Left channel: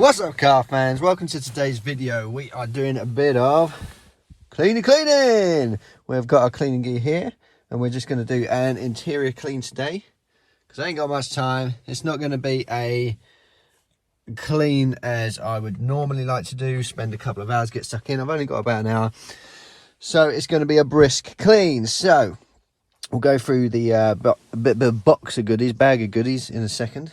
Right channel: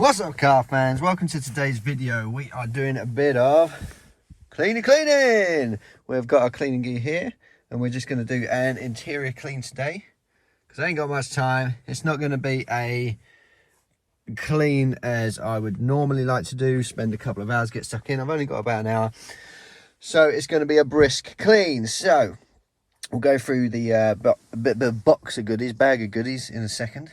What's up, car fans? Welcome to today's video. We are doing a bit of cleaning. We've got our cleaning gear here and we're just going to do an interior clean today because I ain't got much time. It's not going to be a clean as I would normally like to do, spend a couple of hours, get stuck in. I've only got about an hour, so it's going to be a brisk clean. So we'll go through the box of goodies, bag of goodies in a second.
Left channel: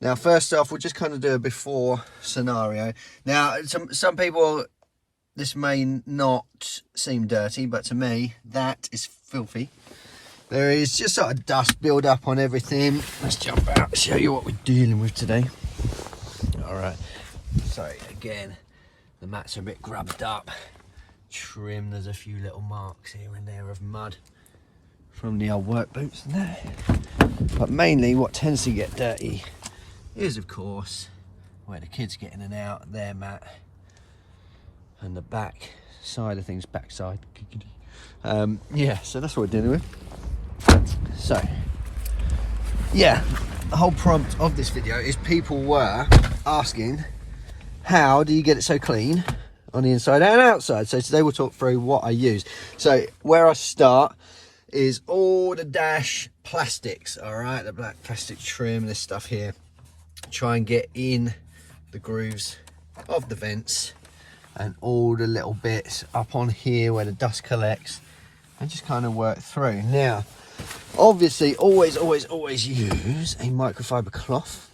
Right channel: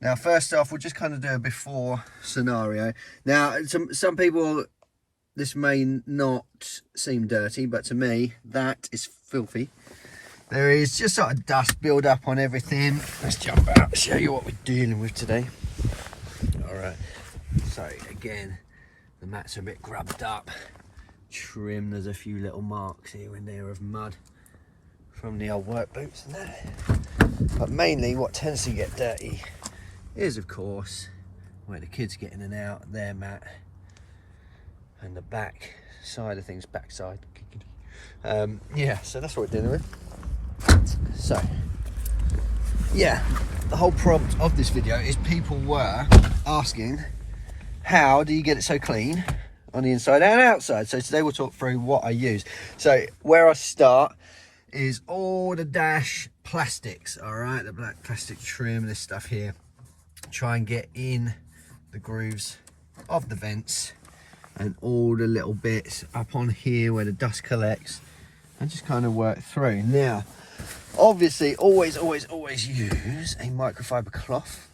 Now, first off, we'll just kind of do a before scenario. Now, some people, this may not seem dirty, but to me, that is filthy. There is just sort of dust build up on everything. Let's jump out and show you what we're dealing with today. All right. Sorry, again, the mats are a bit grubbed up. Trim, there's a few little marks here and there of mud from the old work boots and there. But mainly what tends to get dirty is, of course, where the kids get in and out, their mat, and the back side of things, backside. Yeah, so that's what we're dealing with. So, yeah, the whole prompt of this video is people were asking, how do you get it so clean on the inside and outside? So today we'll talk through what I use. So where I start is all the dash plastics, all right, the black plastic trim, this stuff here. Try and get in the grooves of the vents and all the little bits up on here where the dust collects, and just kind of work through. Now, obviously, always use a microfiber cloth.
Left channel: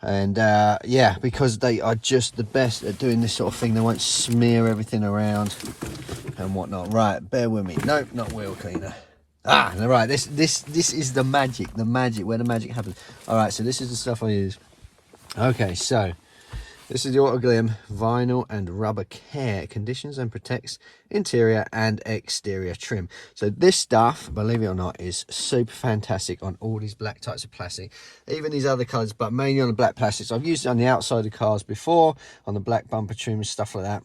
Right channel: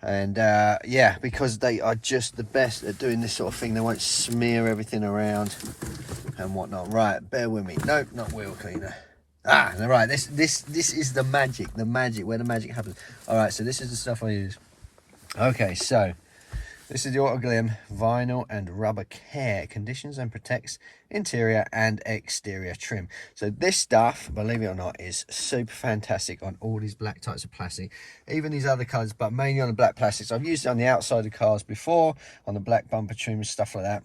And yeah, because they are just the best at doing this sort of thing. They won't smear everything around and whatnot. Right, bear with me. Nope, not wheel cleaner. Ah, right, this is the magic, where the magic happens. All right, so this is the stuff I use. Okay, so this is the Auto Glim vinyl and rubber care, conditions and protects interior and exterior trim. So this stuff, believe it or not, is super fantastic on all these black types of plastic, even these other colors, but mainly on the black plastics. I've used it on the outside of cars before, on the black bumper trim and stuff like that.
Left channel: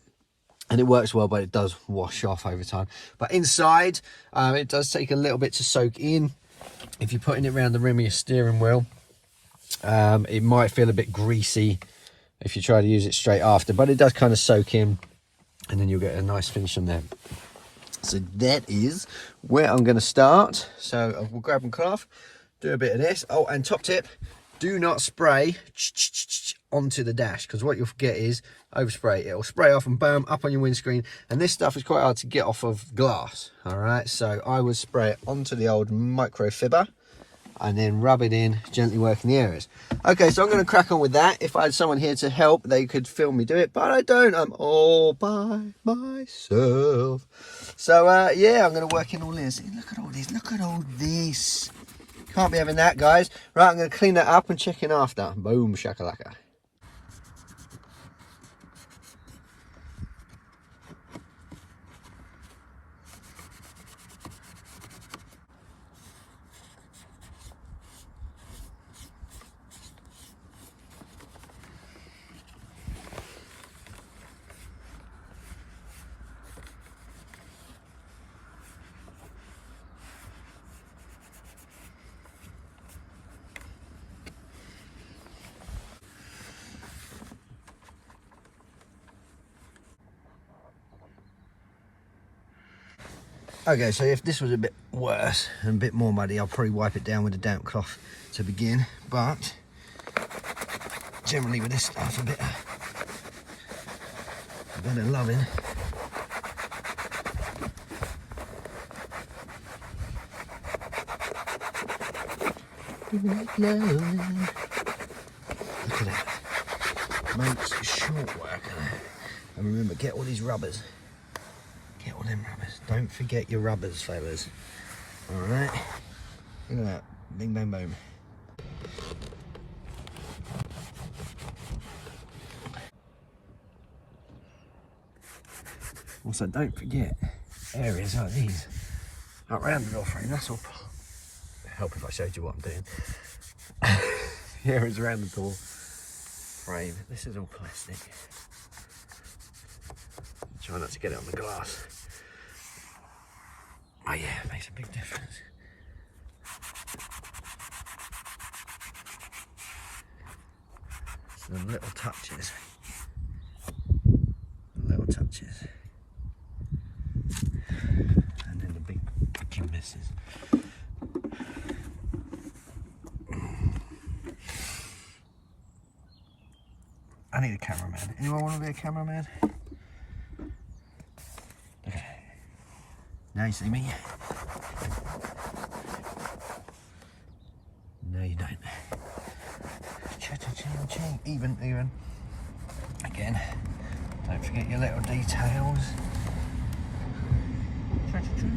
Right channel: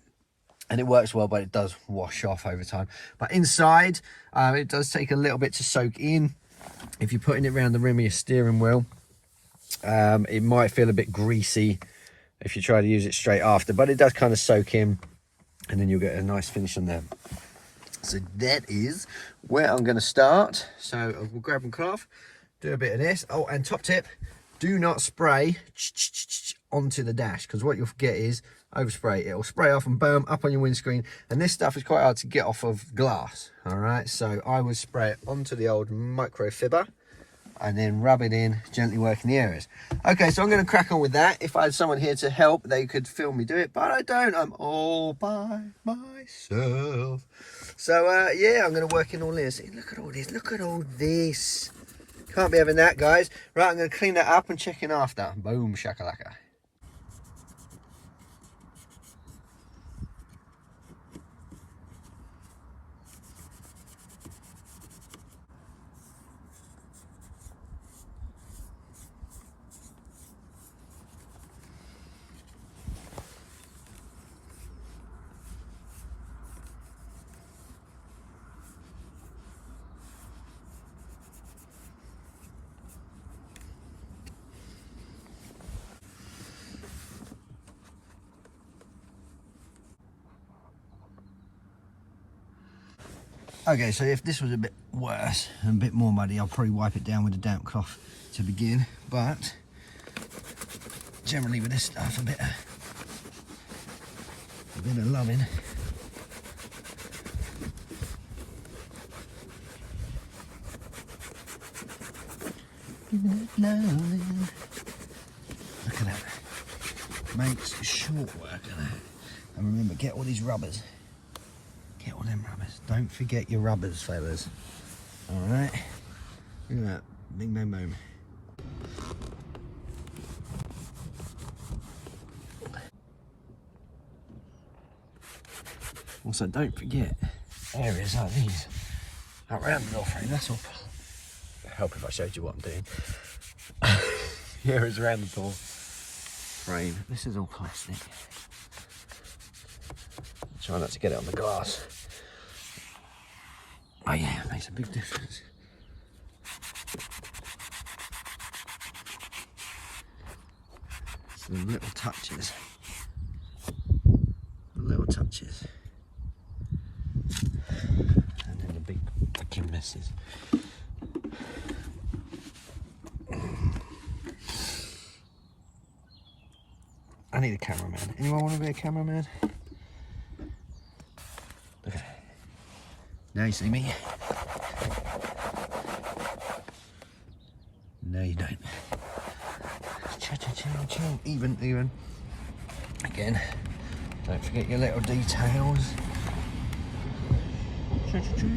And it works well, but it does wash off over time. But inside, it does take a little bit to soak in. If you're putting it around the rim of your steering wheel, it might feel a bit greasy if you try to use it straight after, but it does kind of soak in, and then you'll get a nice finish on there. So that is where I'm going to start. So we'll grab and cloth, do a bit of this. Oh, and top tip, do not spray onto the dash, because what you'll get is overspray. It'll spray off and bam, up on your windscreen, and this stuff is quite hard to get off of glass. All right, so I would spray it onto the old microfiber and then rub it in, gently working the areas. Okay, so I'm going to crack on with that. If I had someone here to help, they could film me do it, but I don't. I'm all by myself. So yeah, I'm going to work in all this. Look at all this, look at all this. Can't be having that, guys. Right, I'm going to clean that up and check in after. Boom shakalaka. Okay, so if this was a bit worse and a bit more muddy, I'll probably wipe it down with a damp cloth to begin. But generally with this stuff, a bit of loving. Look at that. Makes short work of that. And remember, get all these rubbers. Get all them rubbers. Don't forget your rubbers, fellas. Alright. Look at that. Bing, bang, boom. Also, don't forget areas like these around the wall frame. That's all. It'd help if I showed you what I'm doing. Areas around the door frame. This is all plastic. Try not to get it on the glass. Oh yeah, it makes a big difference. The little touches. The little touches. And then the big fucking messes. I need a cameraman. Anyone want to be a cameraman? Look at it. Now you see me. No, you don't. Cha-cha-cha-cha. Even. Again, don't forget your little details. Cha-cha-cha.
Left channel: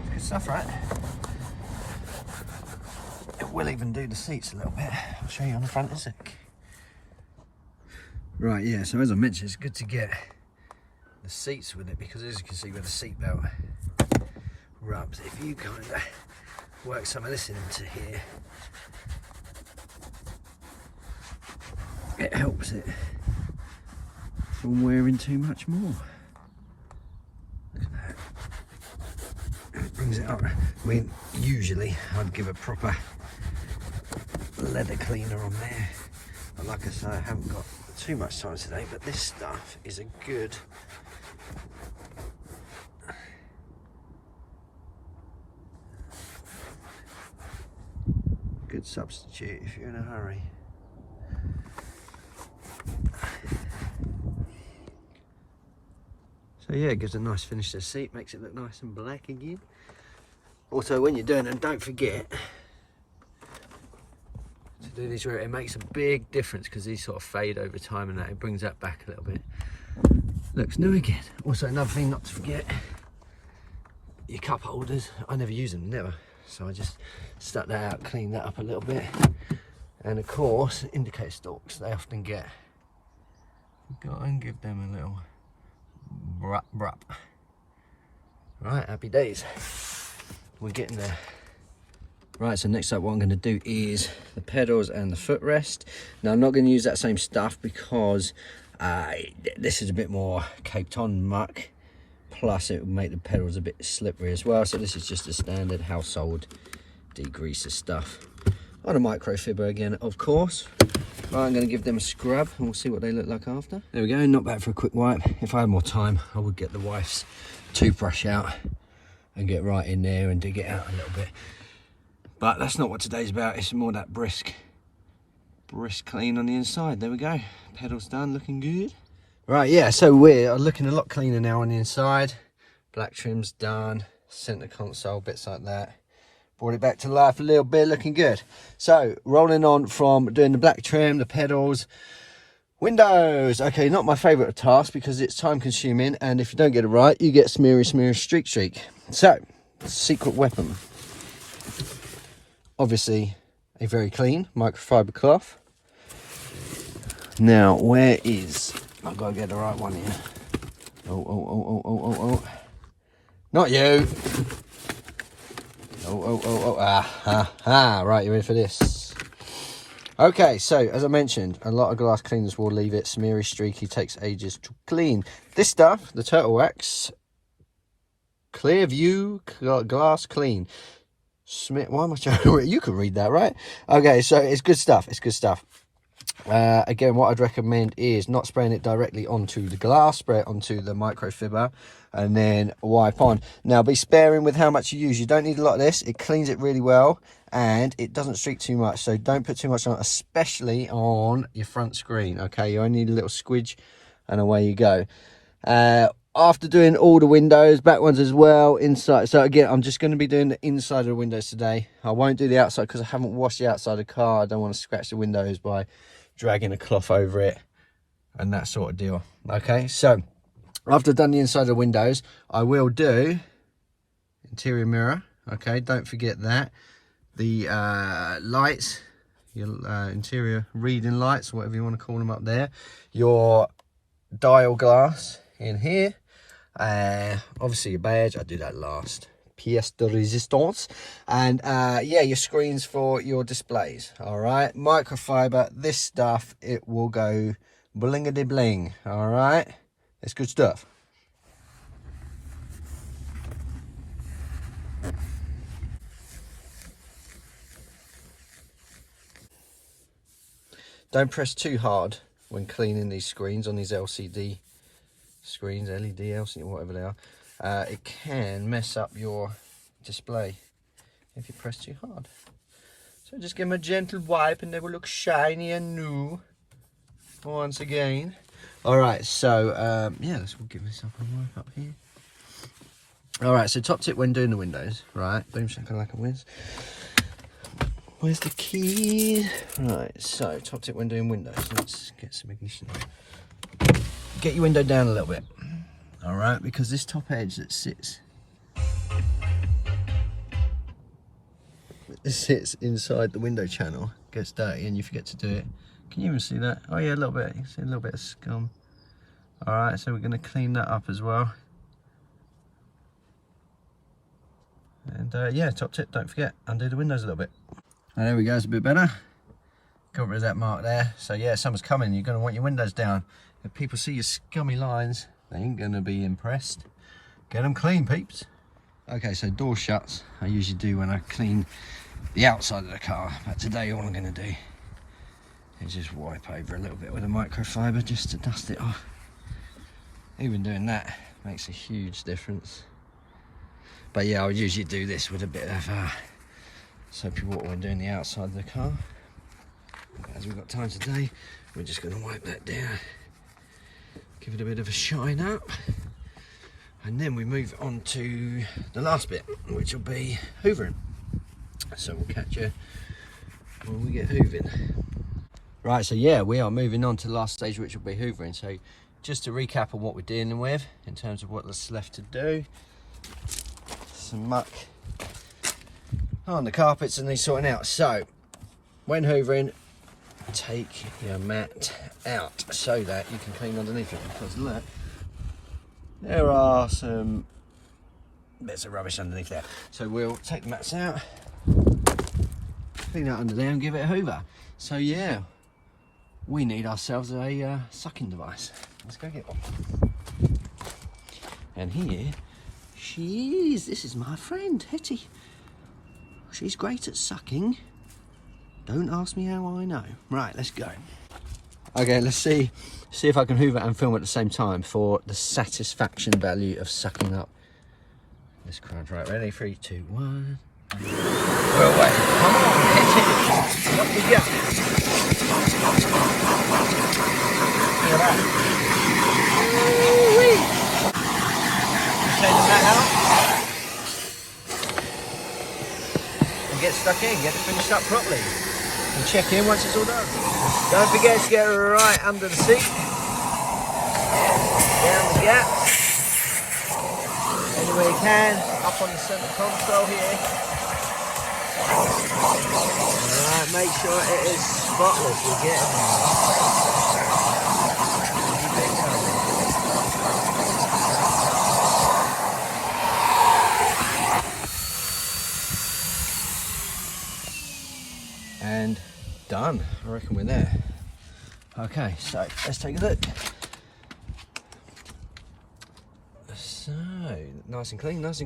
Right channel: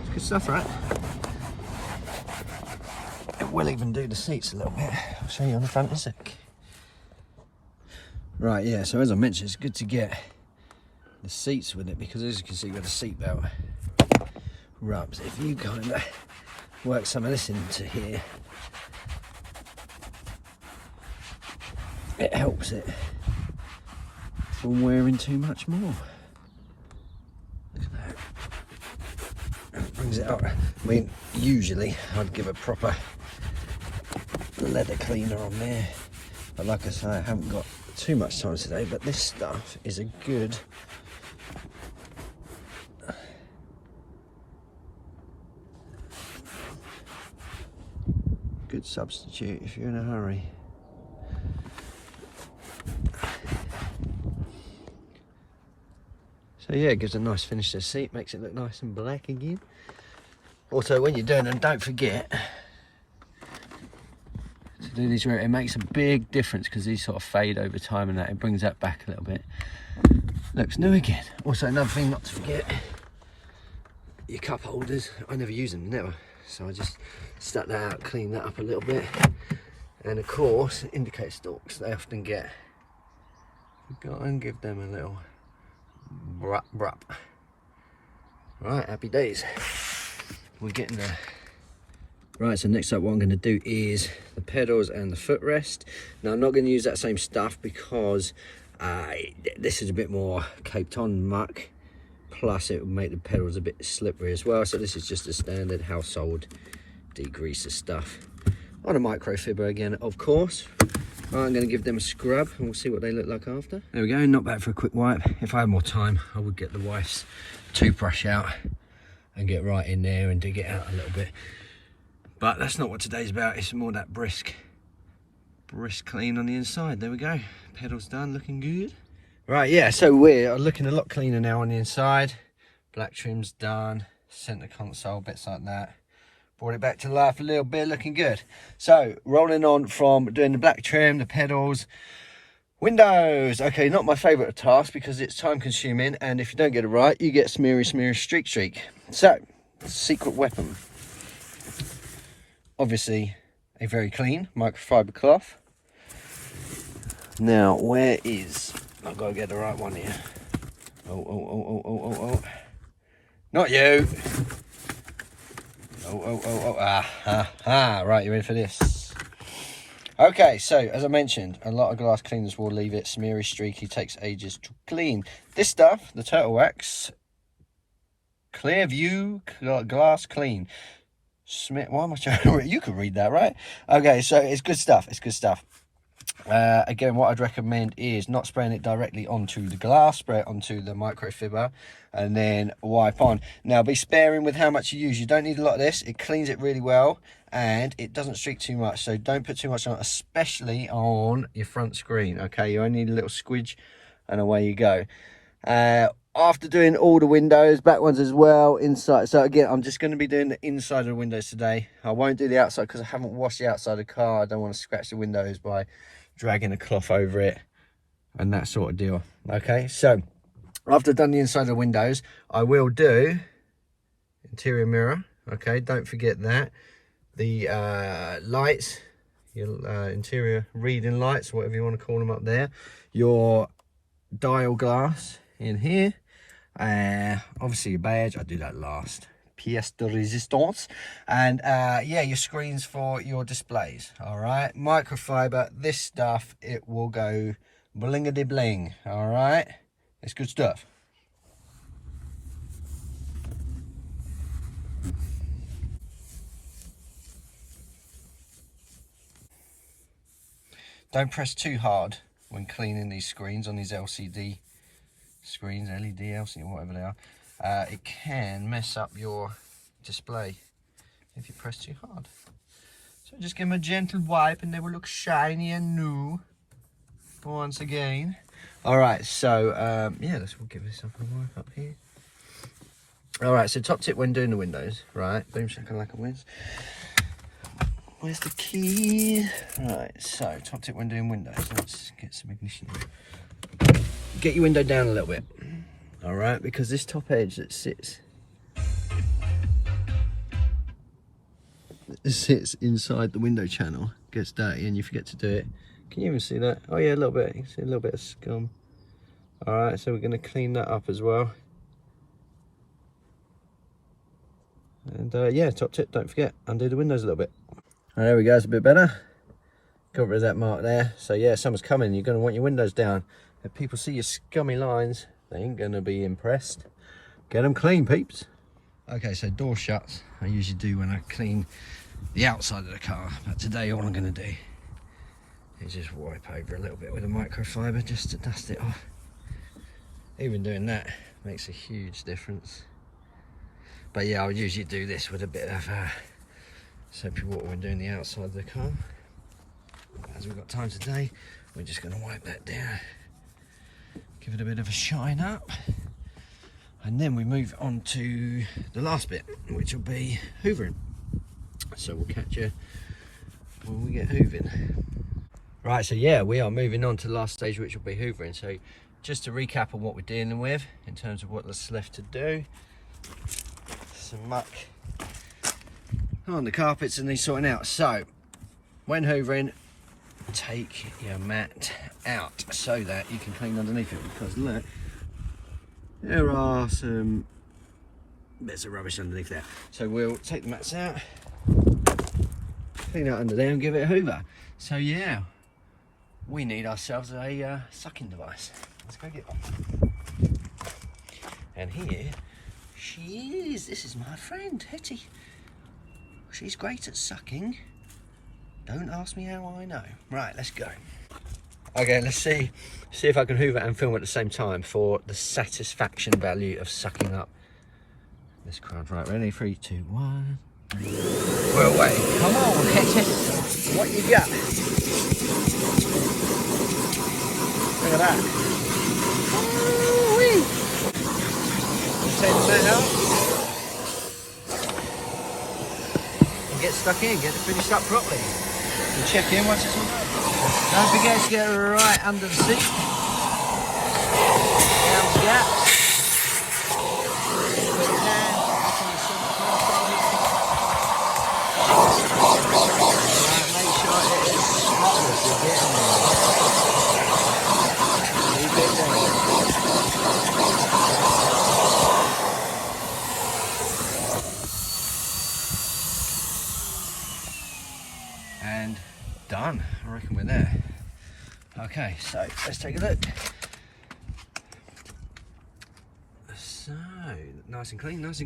It's good stuff, right? It will even do the seats a little bit. I'll show you on the front in a sec. Right, yeah, so as I mentioned, it's good to get the seats with it, because as you can see with the seat belt rubs, if you kind of work some of this into here, it helps it from wearing too much more. It brings it up. I mean, usually I'd give a proper leather cleaner on there, but like I say, I haven't got too much time today, but this stuff is a good substitute if you're in a hurry. So yeah, it gives a nice finish to the seat, makes it look nice and black again. Also, when you're doing them, don't forget to do these where it makes a big difference, because these sort of fade over time and that, it brings that back a little bit. Looks new again. Also, another thing not to forget, your cup holders. I never use them, never. So I just stuck that out, clean that up a little bit. And of course, indicator stalks, they often get, go and give them a little brup brup. Right, happy days. We're getting there. Right, so next up what I'm going to do is the pedals and the footrest. Now I'm not going to use that same stuff because this is a bit more Cape Town muck. Plus it will make the pedals a bit slippery as well. So this is just a standard household degreaser stuff. On a microfiber again, of course. Right, I'm going to give them a scrub and we'll see what they look like after. There we go, not bad for a quick wipe. If I had more time, I would get the wife's toothbrush out and get right in there and dig it out a little bit. But that's not what today's about. It's more that brisk clean on the inside. There we go. Pedals done, looking good. Right, yeah, so we're looking a lot cleaner now on the inside. Black trim's done, center console, bits like that. Brought it back to life a little bit, looking good. So, rolling on from doing the black trim, the pedals, windows. Okay, not my favourite task because it's time consuming, and if you don't get it right, you get smeary, streak. So, secret weapon. Obviously, a very clean microfiber cloth. Now, where is... I've got to get the right one here. Oh. Not you. Right, you ready for this? Okay, so as I mentioned, a lot of glass cleaners will leave it smeary, streaky, takes ages to clean. This stuff, the Turtle Wax Clear View Glass Clean. Why am I trying to read? You can read that, right? Okay, so it's good stuff. Again, what I'd recommend is not spraying it directly onto the glass, spray it onto the microfiber and then wipe on. Now be sparing with how much you use. You don't need a lot of this. It cleans it really well and it doesn't streak too much, so don't put too much on, especially on your front screen. Okay, you only need a little squidge and away you go. After doing all the windows, back ones as well, inside. So again, I'm just going to be doing the inside of the windows today. I won't do the outside because I haven't washed the outside of the car. I don't want to scratch the windows by dragging a cloth over it and that sort of deal. Okay, so after I've done the inside of the windows, I will do interior mirror. Okay, don't forget that. The lights, your interior reading lights, whatever you want to call them up there. Your dial glass in here. Obviously your badge, I do that last. Pièce de résistance. And yeah, your screens for your displays. All right, microfiber, this stuff, it will go blingity bling. All right, it's good stuff. don't press too hard when cleaning these screens on these LCD screens, LED, LCD, whatever they are. It can mess up your display if you press too hard. So just give them a gentle wipe and they will look shiny and new once again. Alright, so yeah, we'll give this up a wipe up here. Alright, so top tip when doing the windows, right? Boom shakalaka whiz. Where's the key? Right, so top tip when doing windows. Let's get some ignition on. Get your window down a little bit. Alright, because this top edge that sits inside the window channel gets dirty and you forget to do it. Can you even see that? Oh yeah, a little bit. You can see a little bit of scum. Alright, so we're going to clean that up as well. And yeah, top tip, don't forget, undo the windows a little bit. Oh, there we go, it's a bit better. Got rid of that mark there. So yeah, summer's coming, you're going to want your windows down. If people see your scummy lines, they ain't going to be impressed. Get them clean, peeps. Okay, so door shuts, I usually do when I clean the outside of the car. But today all I'm going to do is just wipe over a little bit with a microfiber just to dust it off. Even doing that makes a huge difference. But yeah, I'll usually do this with a bit of soapy water when doing the outside of the car. As we've got time today, we're just going to wipe that down. Give it a bit of a shine up. And then we move on to the last bit, which will be hoovering. So we'll catch you when we get hoovering. Right, so yeah, we are moving on to the last stage, which will be hoovering. So just to recap on what we're dealing with in terms of what's left to do. Some muck on the carpets and these sorting out. So when hoovering, take your mat out so that you can clean underneath it, because look, there are some bits of rubbish underneath there. So we'll take the mats out, clean out under there and give it a hoover. So yeah, we need ourselves a sucking device. Let's go get one. And here she is. This is my friend Hetty. She's great at sucking. Don't ask me how I know. Right, let's go. Okay, let's see if I can hoover and film at the same time for the satisfaction value of sucking up this crowd. Right, ready? 3, 2, 1. Well, wait. Come on, Hetty. What you got? Get stuck in, get it finished up properly. And check in once it's all done. Don't forget to get right under the seat. Down the gaps. Where you can, up on the center console here. Alright, make sure it is spotless. You're getting there. And done. I reckon we're there. Okay, so let's take a look. So nice and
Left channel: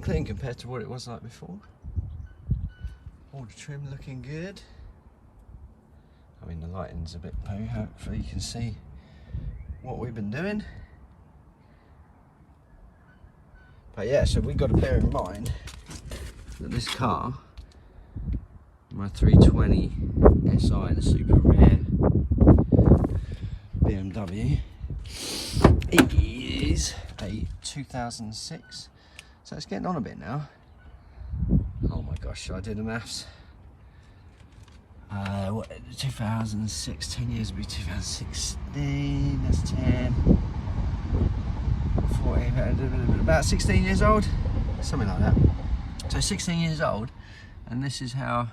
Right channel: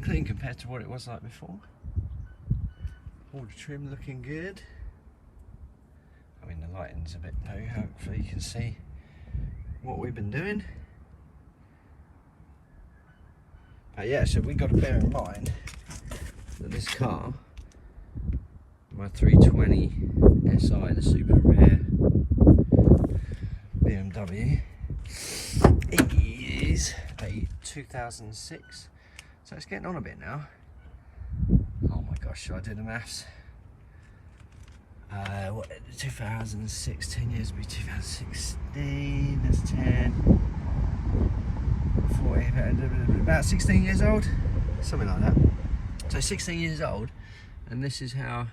clean compared to what it was like before. All the trim looking good. I mean, the lighting's a bit poo. Hopefully you can see what we've been doing. But yeah, so we got to bear in mind that this car, my 320 SI, the super rare BMW, is a 2006, so it's getting on a bit now. Oh my gosh, should I do the maths? What, 2006, 10 years would be 2016, that's 10, 14, about 16 years old, something like that. So 16 years old, and this is how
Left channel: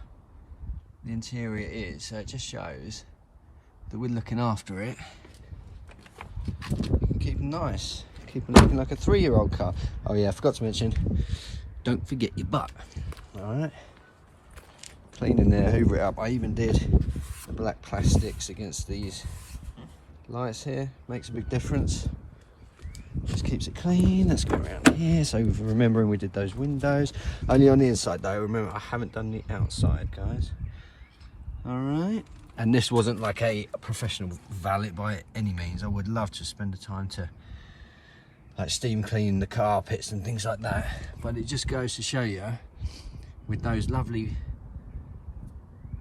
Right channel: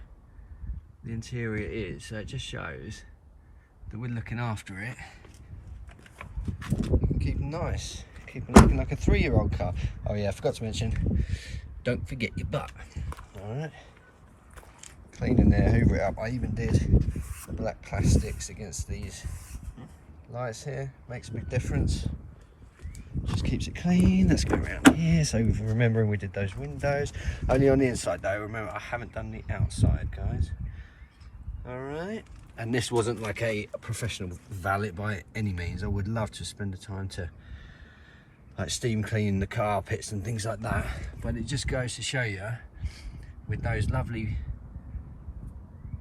the interior is. So it just shows that we're looking after it. You can keep them nice, keep them looking like a 3-year-old car. Oh yeah, I forgot to mention, don't forget your butt. Alright, cleaning there, hoover it up. I even did the black plastics against these lights here, makes a big difference. Just keeps it clean. Let's go around here. So remembering we did those windows only on the inside though. Remember, I haven't done the outside, guys. All right, And this wasn't like a professional valet by any means. I would love to spend the time to like steam clean the carpets and things like that. But it just goes to show you, with those lovely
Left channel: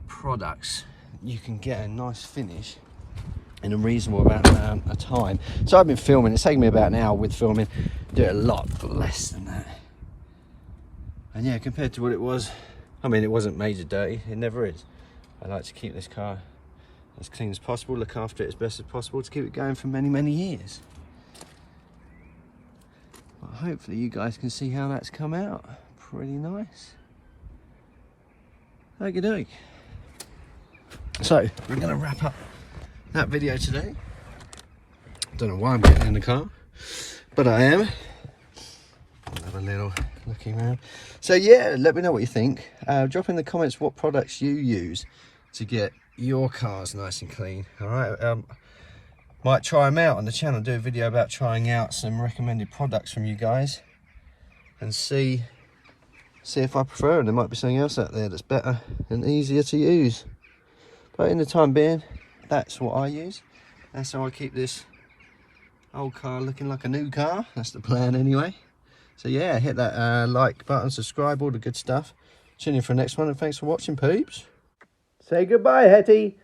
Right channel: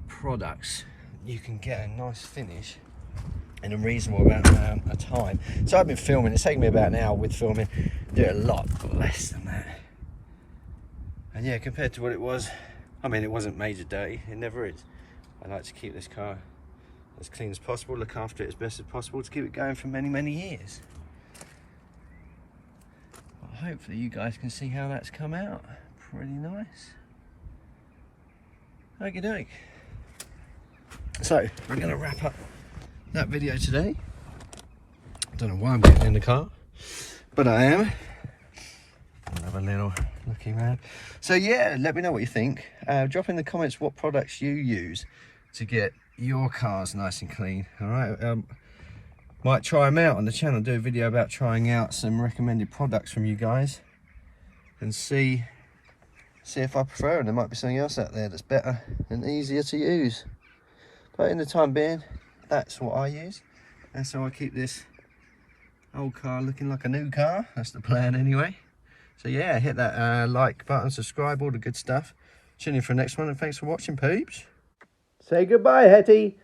products, you can get a nice finish in a reasonable amount of time. So I've been filming, it's taken me about an hour with filming, do it a lot less than that. And yeah, compared to what it was, I mean, it wasn't major dirty, it never is. I like to keep this car as clean as possible, look after it as best as possible to keep it going for many, many years. But hopefully you guys can see how that's come out. Pretty nice. Okie doke. So, we're going to wrap up that video today. Don't know why I'm getting in the car, but I am. I'll have a little looking around. So yeah, let me know what you think. Drop in the comments what products you use to get your cars nice and clean. All right, might try them out on the channel, do a video about trying out some recommended products from you guys and see if I prefer it. There might be something else out there that's better and easier to use. But in the time being, that's what I use. That's how I keep this old car looking like a new car. That's the plan anyway. So yeah, hit that like button, subscribe, all the good stuff. Tune in for the next one, and thanks for watching, peeps. Say goodbye, Hetty.